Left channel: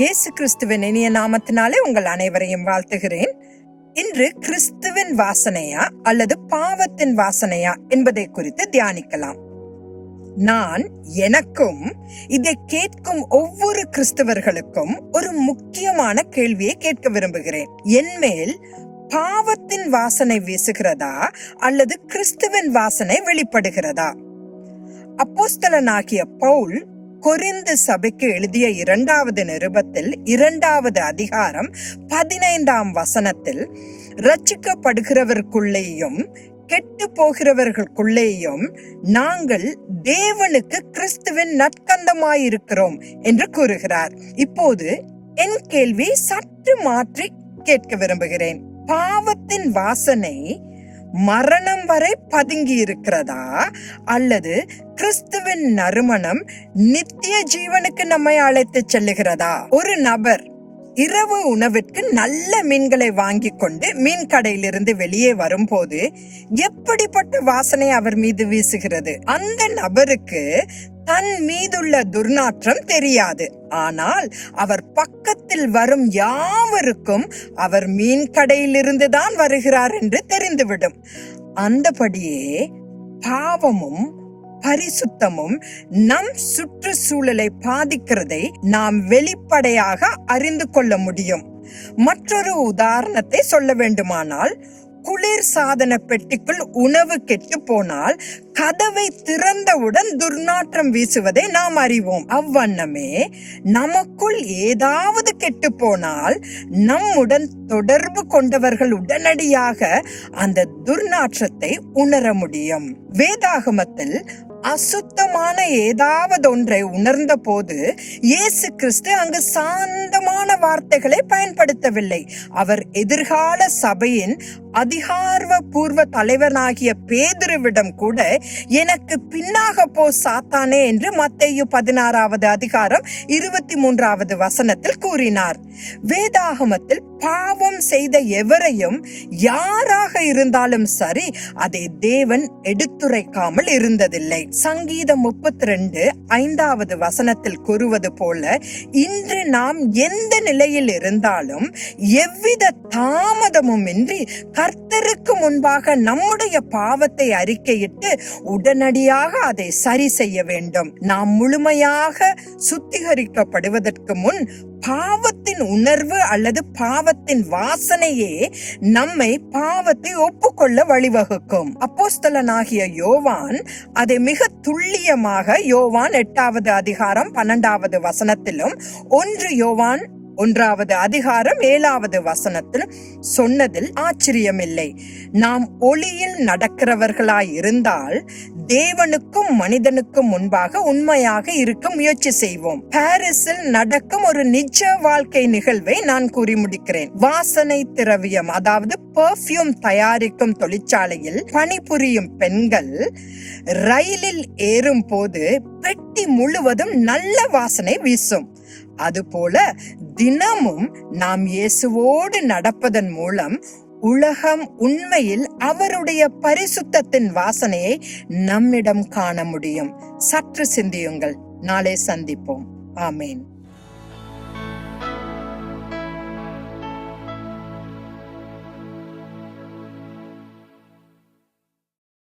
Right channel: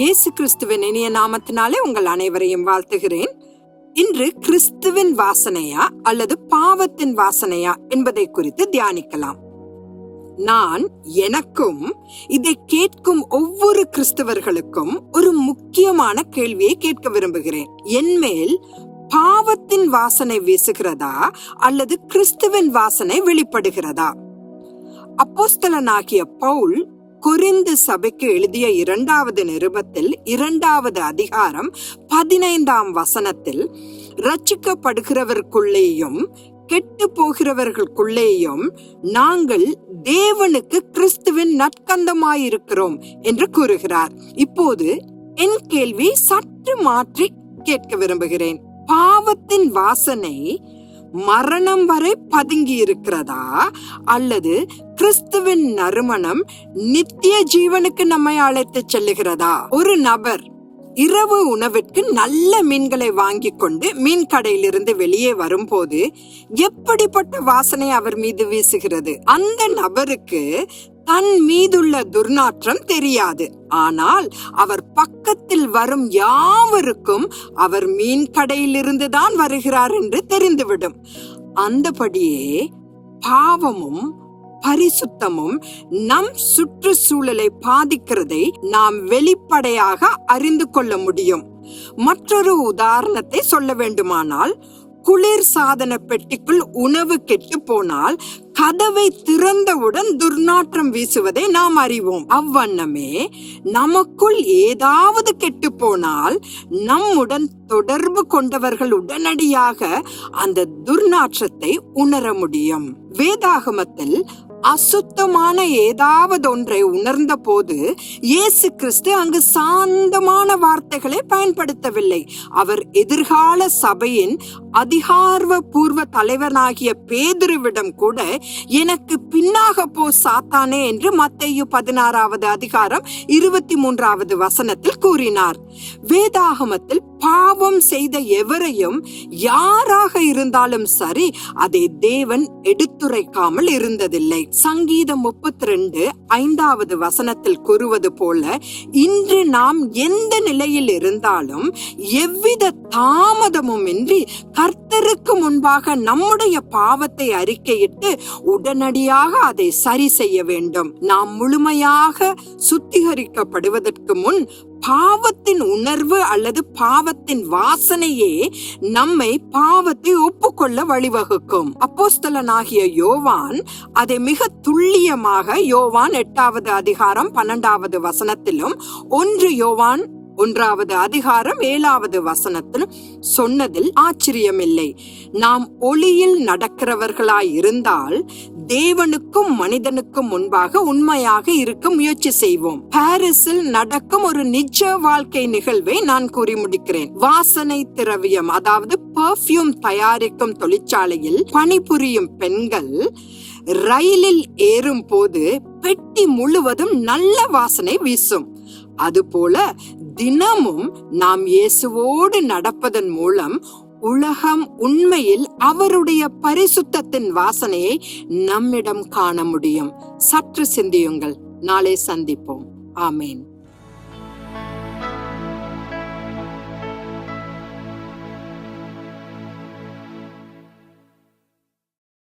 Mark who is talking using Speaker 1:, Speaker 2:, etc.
Speaker 1: இயேசு கிறிஸ்துவின் இனிய நாமத்தினாலே உங்கள் அனைவரையும் வாழ்த்துகிறேன். இன்று கிறிஸ்துவின் வாசனையா அல்லது பாவத்தின் வாசனையா என்பதை குறித்து தியானிக்கலாம். நான் எனக்கும் இதை கேட்கும் ஒவ்வொரு கிறிஸ்தவர்களுக்கும் ஒரு முக்கியமான கேள்வியை கேட்க விரும்புகிறேன். என்மேல் பாவத்தின் வாசனை வீசுகிறதா அல்லது கிறிஸ்துவின் வாசனை வெளிப்படுகிறதா? அப்போஸ்தலனாகிய பவுல் கொரிந்து சபைக்கு எழுதிய இரண்டாவது நிருபத்தில் இரண்டாவது அதிகாரம் பதினைந்தாம் வசனத்தில் ரச்சிக்கப்படுகிறவருக்குள்ளேயும் கெட்டு போகிறவர்களுக்குள்ளேயும் நாங்கள் தேவனுக்கு கிறிஸ்துவின் நற்கந்தமாயிருக்கிறோம் என்று கூறுகிறார். இப்போது என் கேள்வி சற்று மாற்றி கேட்க விரும்புகிறேன். பாவத்தின் வாசனை மரணம் வரை பதுங்கி இருக்கிறதா? அல்லது கிறிஸ்துவின் நறுமணம் நித்திய ஜீவனுக்கு நம்மை அழைத்து செல்லுகிறதா? ஒரு நபர் இரவு உணவிற்கு நல்ல மீன்களை வாங்கி கொண்டு மீன் கடையிலிருந்து வெளியே வரும்போது எப்படிப்பட்ட வாசனை அவர் மீது வீசுகிறது? அந்த நபருக்கு தன் மீதுள்ள துர்நாற்றம் தெரியாது. ஆனால் அவர் பக்கத்தில் வரும் யாவருக்கும் அவர் மீன் கடையிலிருந்து தான் வருகிறார் என்று தெரிந்துவிடும். அந்தபடியே பாவமும் பரிசுத்தமும் நம் சுற்றுச்சூழலை பாதிக்கிறதை நாம் வெளிப்படையாக அறிந்து கொள்ள முடியும். மற்றொரு உதாரணத்தை சொல்ல வேண்டுமானால் குளிர் சாதன பெட்டிக்குள் உணவு கெட்டு போனால் கதவை திறந்தவுடன் துர்நாற்றம் வீசுவதை நாம் அறிவோம். அவ்வண்ணமே நமக்குள் ஏதாவது கெட்டு போனால் நம்முடன் தொடர்பு கொண்டவர்கள் உடனடியாக அந்த துர்நாற்றத்தை உணர முடியும். வேதாகமத்தில் அசுத்தமான ஏதாவது ஒன்றை உணர்ந்த போது இயேசு கிறிஸ்து அங்கு சாந்தமான வார்த்தைகளை பயன்படுத்தவில்லை. அவர் எதிர்கால சபையின் அதிகார்வ பூர்வ தலைவனாகிய பேதுருவிடம் கூட எனக்கு பின்னாக போ சாத்தானே என்று மத்தேயு பதினாறாவது அதிகாரம் இருபத்தி மூன்றாவது வசனத்தில் கூறினார். வேதாகமத்தில் பாவம் செய்த எவரையும் யாராக இருந்தாலும் சரி அதை தேவன் எடுத்துரைக்காமல் இருந்ததில்லை. சங்கீதம் முப்பத்தி ரெண்டு ஐந்தாவது வசனத்தில் கூறுவது போல இன்று நாம் எந்த நிலையில் இருந்தாலும் எவ்வித தாமதமும் இன்றி கர்த்தருக்கு முன்பாக நம்முடைய பாவத்தை அறிக்கையிட்டு உடனடியாக அதை சரி செய்ய வேண்டும். நாம் முழுமையாக சுத்திகரிக்கப்படுவதற்கு முன் பாவத்தின் உணர்வு அல்லது பாவத்தின் வாசனையே நம்மை பாவத்தை ஒப்புக்கொள்ள வழிவகுக்கும். அப்போஸ்தலனாகிய யோவான் அதை மிக துல்லியமாக யோவான் எட்டாவது அதிகாரம் பன்னெண்டாவது வசனத்திலும் ஒன்று யோவான் ஒன்றாவது அதிகாரம் ஏழாவது வசனத்தில் சொன்னதில் ஆச்சரியமில்லை. நாம் ஒளியில் நடக்கிறவர்களாய் இருந்தால் தேவனுக்கும் மனிதனுக்கும் முன்பாக உண்மையாக இருக்க முயற்சி செய்வோம். பாரிஸில் நடக்கும் ஒரு நிஜ வாழ்க்கை நிகழ்வை நான் கூறி முடிக்கிறேன். வாசனை திரவியம் அதாவது பெர்ஃப்யூம் தயாரிக்கும் தொழிற்சாலையில் பணிபுரியும் பெண்கள் ரயிலில் ஏறும் போது பெட்டி முழுவதும் நல்ல வாசனை வீசும். அதுபோல தினமும் நாம் இயேசுவோடு நடப்பதன் மூலம் உலகம் உண்மையில் அவருடைய பரிசுத்தத்தின் வாசனையை நம்மிடம் காண முடியும். சற்று சிந்தியுங்கள். நாளை சந்திப்போம். ஆமேன்.